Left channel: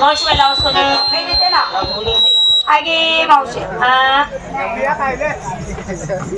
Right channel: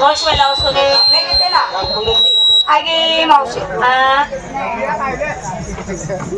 मावशीला असतो मी देते ना आगे मावशी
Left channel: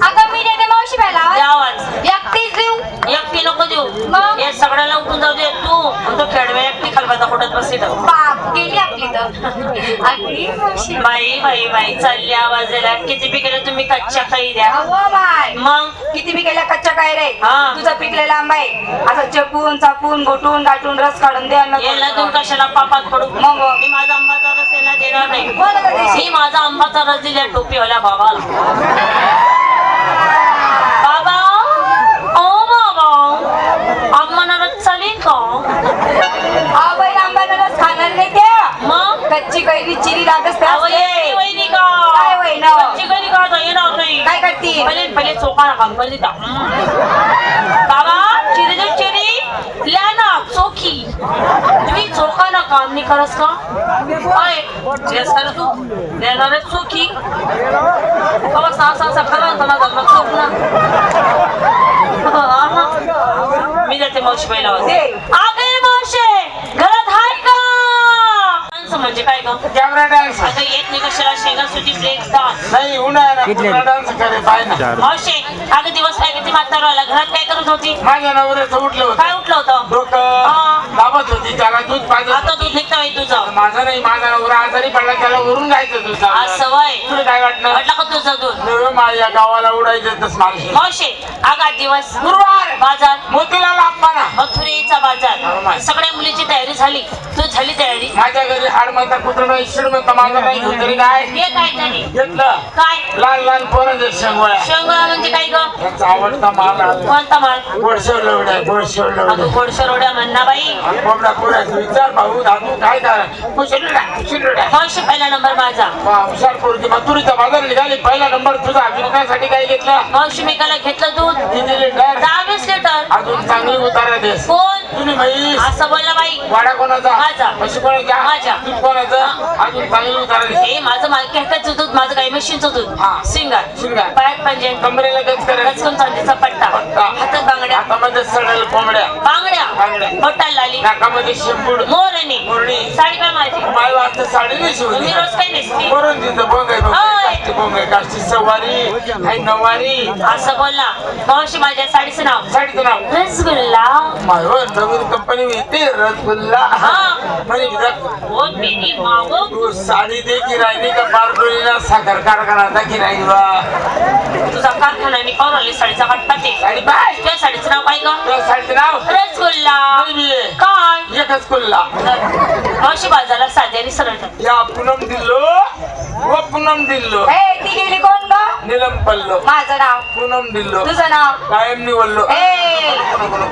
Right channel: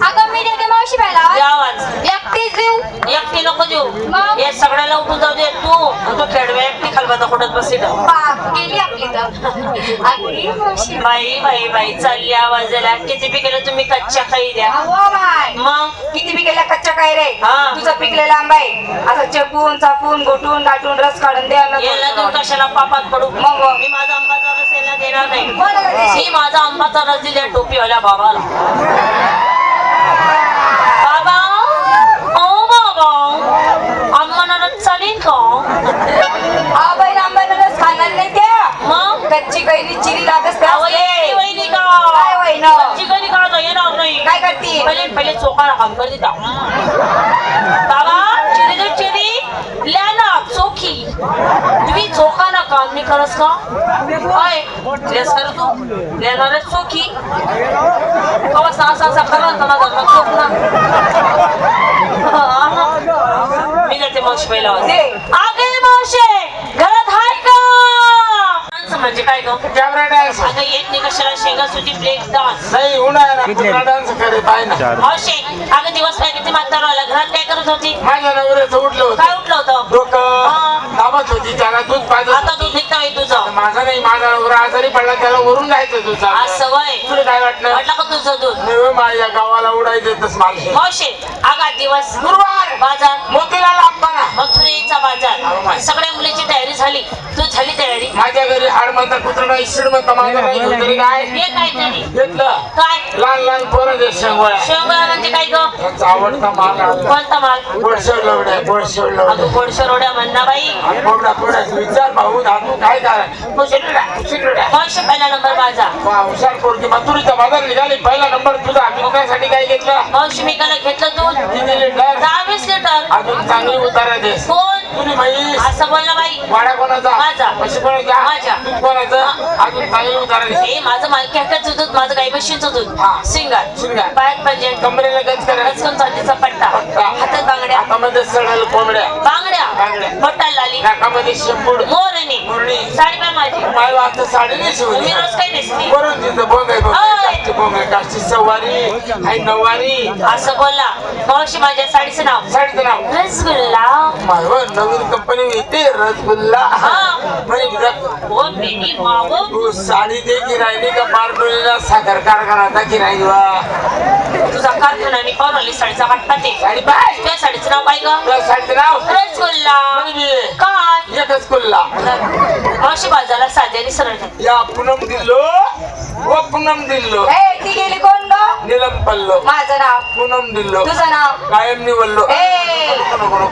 अगं मी देते मावशी मला आवाज एकटीच देऊ एकटी नको देऊ मग? हे सगळ्याला उठून जाऊ दे तू खेळव्या एकटी खालबाता कुठत बसली तर बाप गेली आपली तर आगे मावशी बाई बाई बाई चालली आवाज द्यायला किती बी केलं तुम्ही कच्च्या काही द्या अव्वा बाय मग किती बी केला कच्चा काय रे हा. तुझा पिकलेला आंबा आहे असं चपून चापून घोटून गाठून रस काढून दे अन्न याला तू कशाला पापात पडू मग व. मी माझा आंबाचा रस याला देणार नाही कोणाला देशील? मी माझा आंबाचा रस दिल्या टोपीवाल्या बाबाला बाबा ओ बाबा आंबाला रस चालेल का हा बाई आंब्याला रस खाणार नाही त्या मग कच्ची कैरी चिरी राहत असते आवई वहिनी का काय वहिनी? चिकनी का आता येणार नाही काय करते पहिले पहिले चोखा काम कर देता बाबा चिरी दे चिरी ल्या ना चोखी तुम्ही चोखा ना काम नाही करस का काय जेस कर तू देणार चोखी बाबा सा खरं ना माझा मग चोख ना मी जाते मावशी पहिला आगे मावशी घरात हाय का माणसं म्हणजे काय ग आता येत नाही कशाला शेंगा सुटी फ्लेक्स डान्स नाही उन्हाळ्यात डान्स करे पाय ना मावशी अगं दिवस काय किती म्हातारा आला घरात काय करत होती माझ्या नवऱ्याचं उठलं होतं काय उठलं होतं डोकं हा. दाबत होती त्याला दूध पाजत आता दूध निघतं आहे तुझं माझा नाही माझा नवरा आजारी पडला त्याला वरून जायचं दूध आज सवय तुला काय वाटलं म्हटलं का तुझं दूध मी माझ्या गावाला उडायचं माझी मावशी आगा दिवस गुरुवार बाजार मोतीलाल आंबाला मथुरेचा बाजार सगळ्या मुलीची तयारी झाली तू झाली तयारी माझ्या घरी हाड म्हणता कुत्र नाही शिड म्हणता माझा नाही कुत्री काय हे काय तरी घेतलं काय लहान लहान पोरं दे शेंगोळ्या शेवगा म्हणजे काय ग त्यांचा आवडता माल कोणता माल गोडशेव लवड्या गोडशेव लवड्या अगं गोडशे रोड्या म्हणणा बाई कोरड्या कोरड्या विचार भाऊ धातू काय करा कुशिलुड्या मावशी पहिला नंबर माझा हुशार पोरगी मथुरीच्या बाजार निघाली पहिला नंबर तुझा विकण्यासाठी काय घेतला मावशी मी काल घेतलं दूध 3 लिटर 20 लिटर अजून चांगली उतारा देस कोण तुझी म्हैस असं बोलला बाई वाड्या कोणाचा माझा. म्हशी कोणाचा माझा. दूध कोणाचं अजून चांगली उतारा देस हे माझं मालकी हक्काचं दूध माझं गाई म्हशींचं दूध हा. सिंगार शिंगार. पायात पंजन कमरेला गच करायचं रचकून चांदीचा पट्टा हातात बांगड्या हातामध्ये सडेल कोंबड्या बांगड्या बांगड्या. बोटाला लाली नाकामध्ये शेंबूड मोरणी मोरणी. साडी का माझी मला आता साडी नाही शिवली मी रोज काही नेसते वरून तिथं बोंग आहे ओय. बोंग आहे काष्टी सवारी हाय नवारी असं बोलला मावशी माझ्या साडीचं नाव साडीचं नाव रसगुल्ला मायवर नवीन कंपनी येते रसगुल्ला हा. म्हणे विराट, ओ बेबी मावो तू साडी दे की राहिली का पारडोलीला साखर कारखाना आता की नाही तुझा कारकून आणि पाहून आली साडीचा हट्टा ते साडी पाय त्या साडीचं नाव काय ग त्या साडीचं नाव रसगुल्ला म्हणे मी काय एकच कुल्ला मावशी बाजारला साध्याने सरळ या पूनम दिल्लो व पूनम दिल्लो ए ती गेली कोण ग निलम पल्लो माझं नाव पूनम दिल्लो तुझं नाव कायम निवडलो ए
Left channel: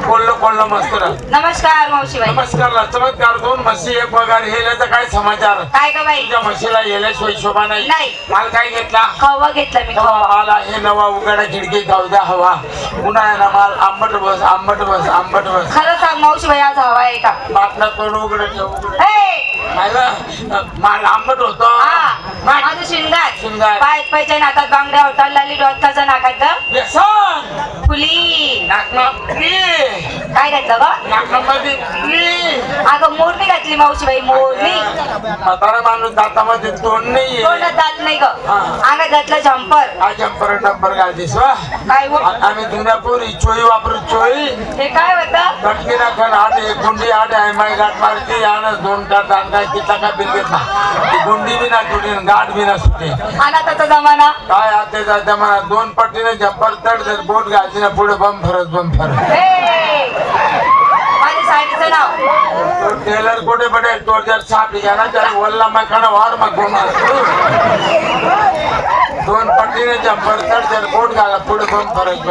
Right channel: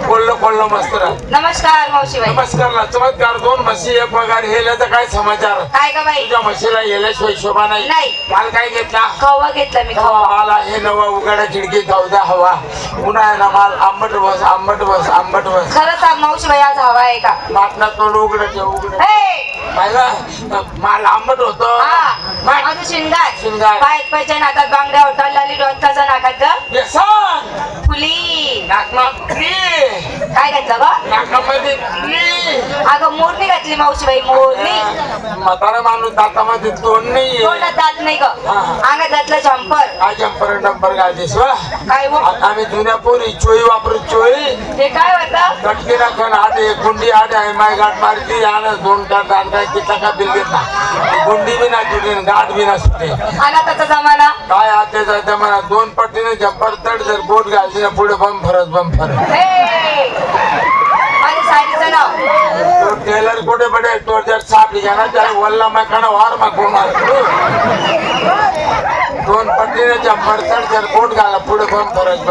कोल्लो कोल्लो मस्त राह. नमस्कार मावशीबाई नमस्कार चमत्कार 2 म्हशी 1 पगार हेल्याचा काय समाचार काय ग बाई तुझ्या म्हशीला येल्याशिवाय शोभा नाही नाही. काल काय घेतला खवा घेतलं मी खवा मला हे नवा उघडा खिडकी जाऊ द्या हवा उन्हाळ्याला माल आंबट बस आंबट बस आंबट बस खरं सांग मावशीबाई आज हवा आहे का बातला तोंड उघडं ठेव उघडं ए मला माल आंबट होतो हा माझं शिंगार शिंगार. पायात पायच्या नाकात बांगड्या होतात लाली डोक्याच्या नाकात ग व्यसन फुली नाकमा काय घातलं ग नाकामध्ये अगं मोरणी घातली मावशीबाई मोरणी म्हातारा माणूस दातामध्ये तोंड नाहीये तोंडात दात नाही ग अंगात घातलं झंपर हा जंपर डंपर घालतेस वा काय हो? आम्ही जुन्या पोरी चोई वापरत चोई ते काय होतं कटकी राखण आडे गुंडी आडे आहे माय गाठ मारती आणि 2 तास आणि काय किती का बिल घेत ना गुंडी बी ना सुटे गाठ बी ना सुटे अनाथाचा जमाना काय आत्याचा जमाना 2 पट्टीने जंपर तड जर बोट घालती ना पुढे बम फरत ए माझ्या साडीचं नाव तो टेलर कुठे पडे तो जर साप घ्या त्याला वल्ला मकाना वार मग कोण 2 पट्टीने जंपर तड जर बोट घाला पुढे बम फरत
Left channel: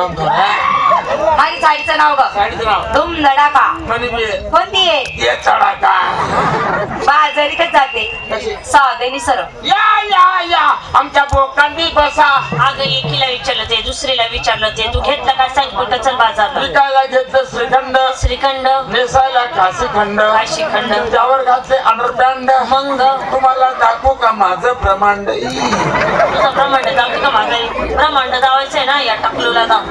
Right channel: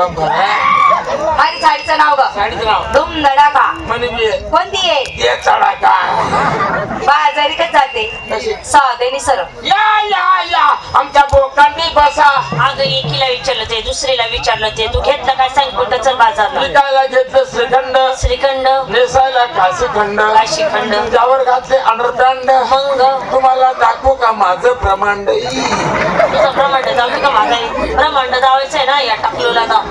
माझ्या साडीचं नाव ग साडीचं नाव धूम धडाका म्हणजे कोणती आहे ये तडाका बाजारीकच जाते कशी साधेनी सरळ या आमच्या बोकांनी बसा अगं एकीला विचारलं ते दुसरीला विचारलं ते तू घेतलं काय सांग कुठं चल बाजारला विकायला घेतलं श्रीखंड श्रीखंड नेसायला काशीखंड काशीखंड. त्यावर घातले अंडरपॅन्ट मग तुम्हाला दाखवू का माझं ब्रह्मांड तुझा ब्रह्मांड दावतो का माझा ब्रह्मांड दावायचं आहे ना या टाकलेला का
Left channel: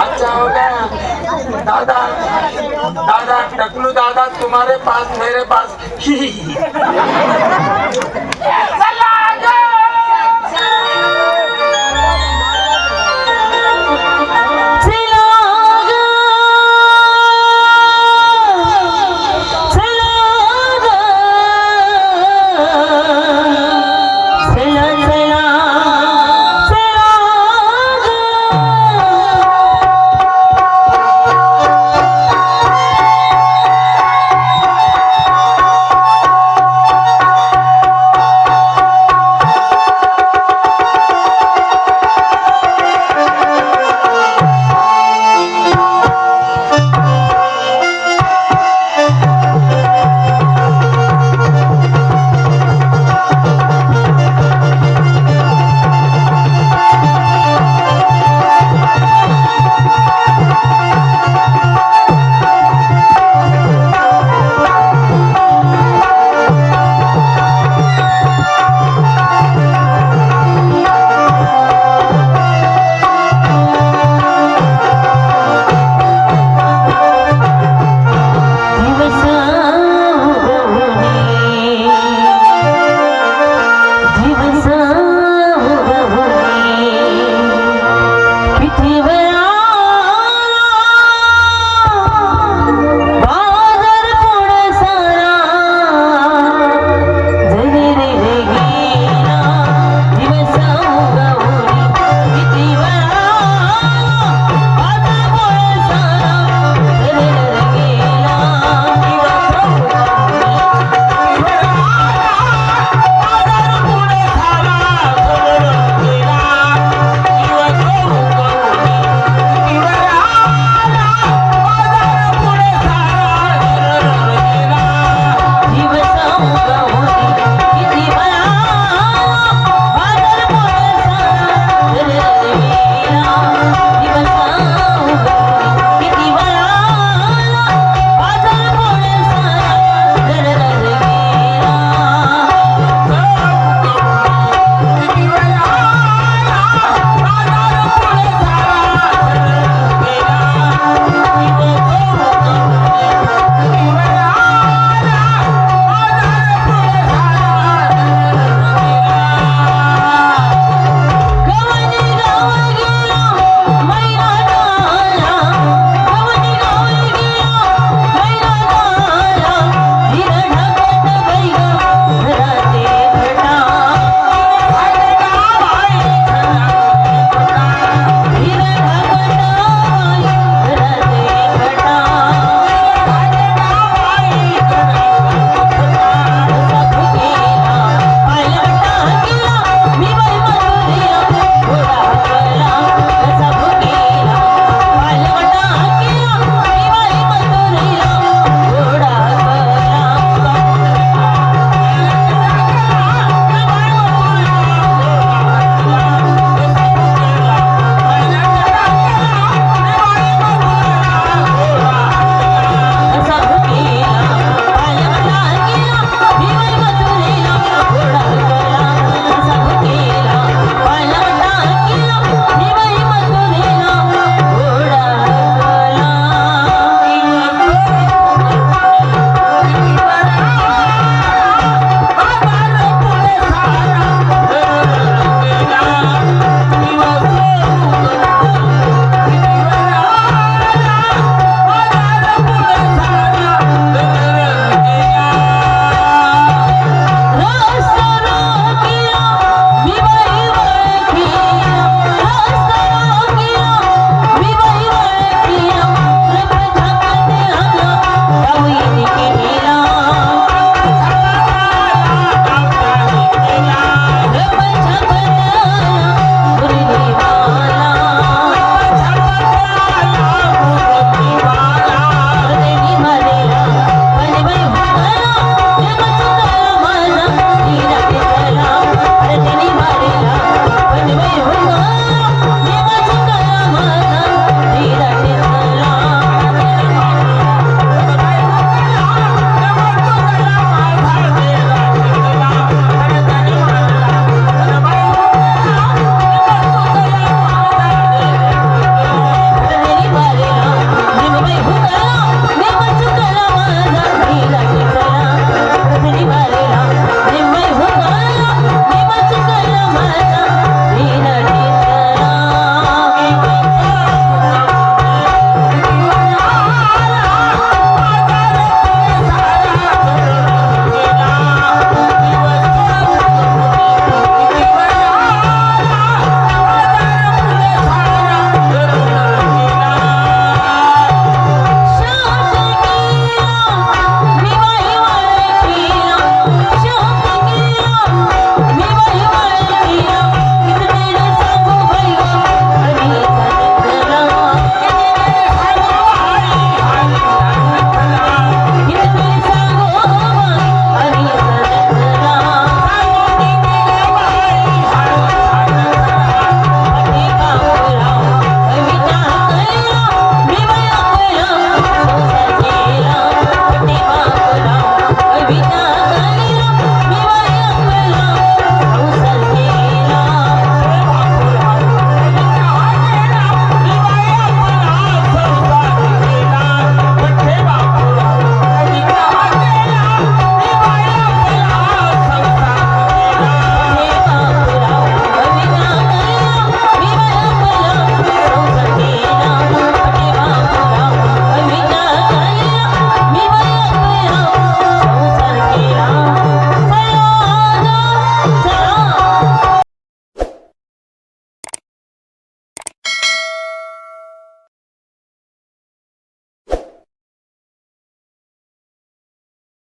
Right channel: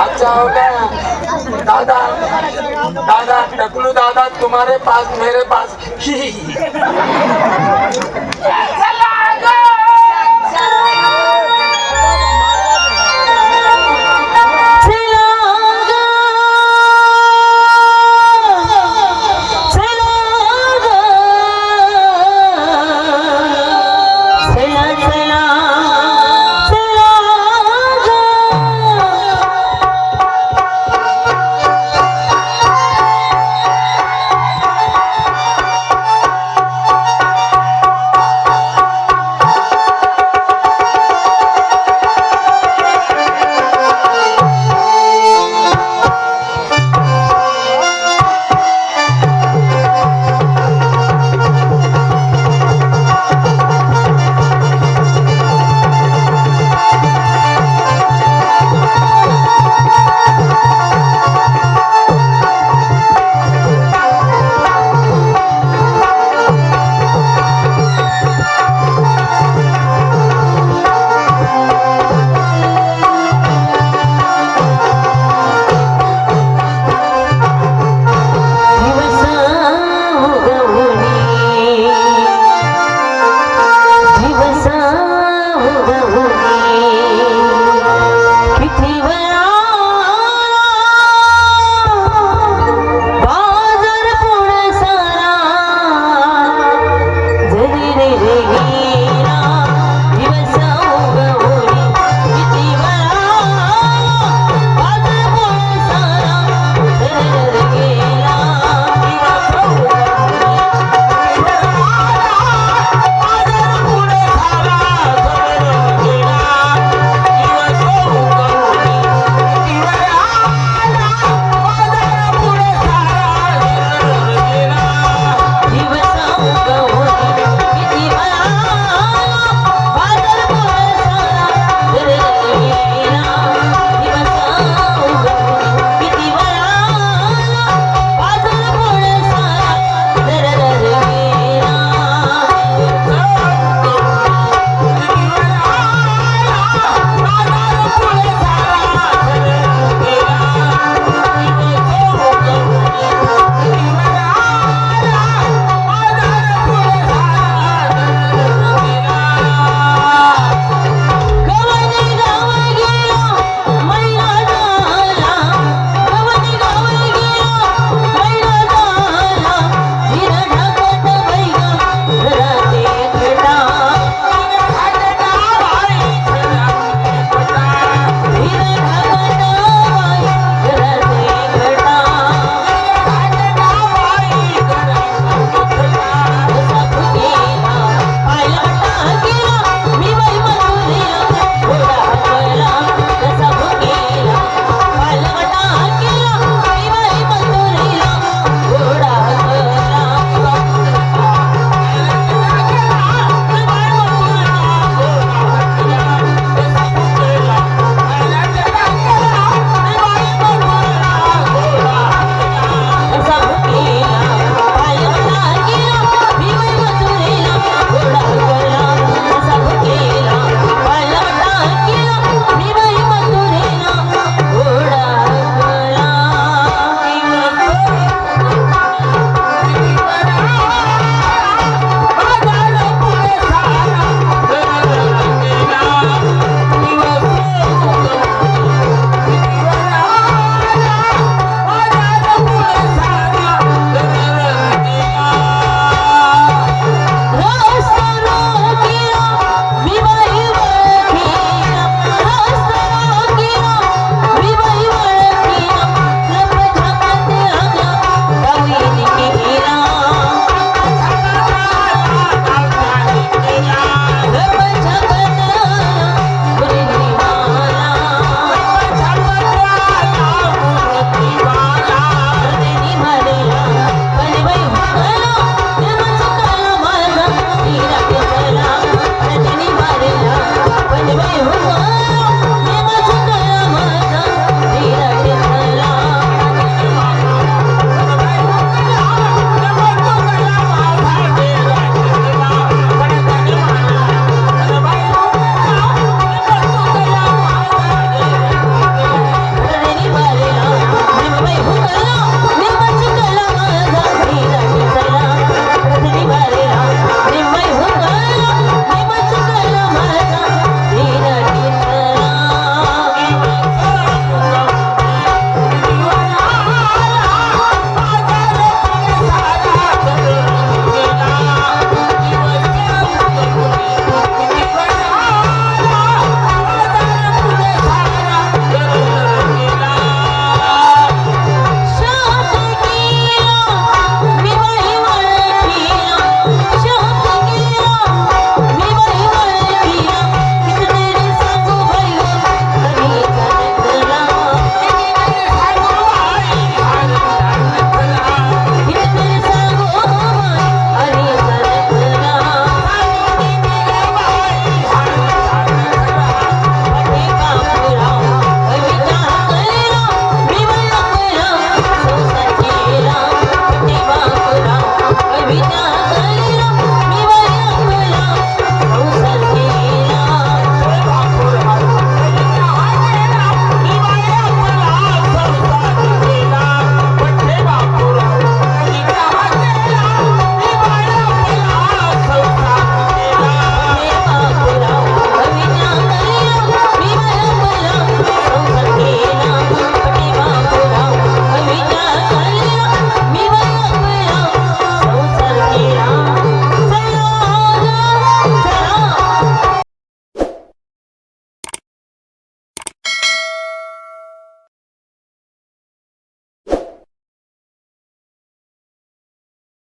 अच्छा दादा दादा टकलू दादा तुम्हारे पास मेरे पास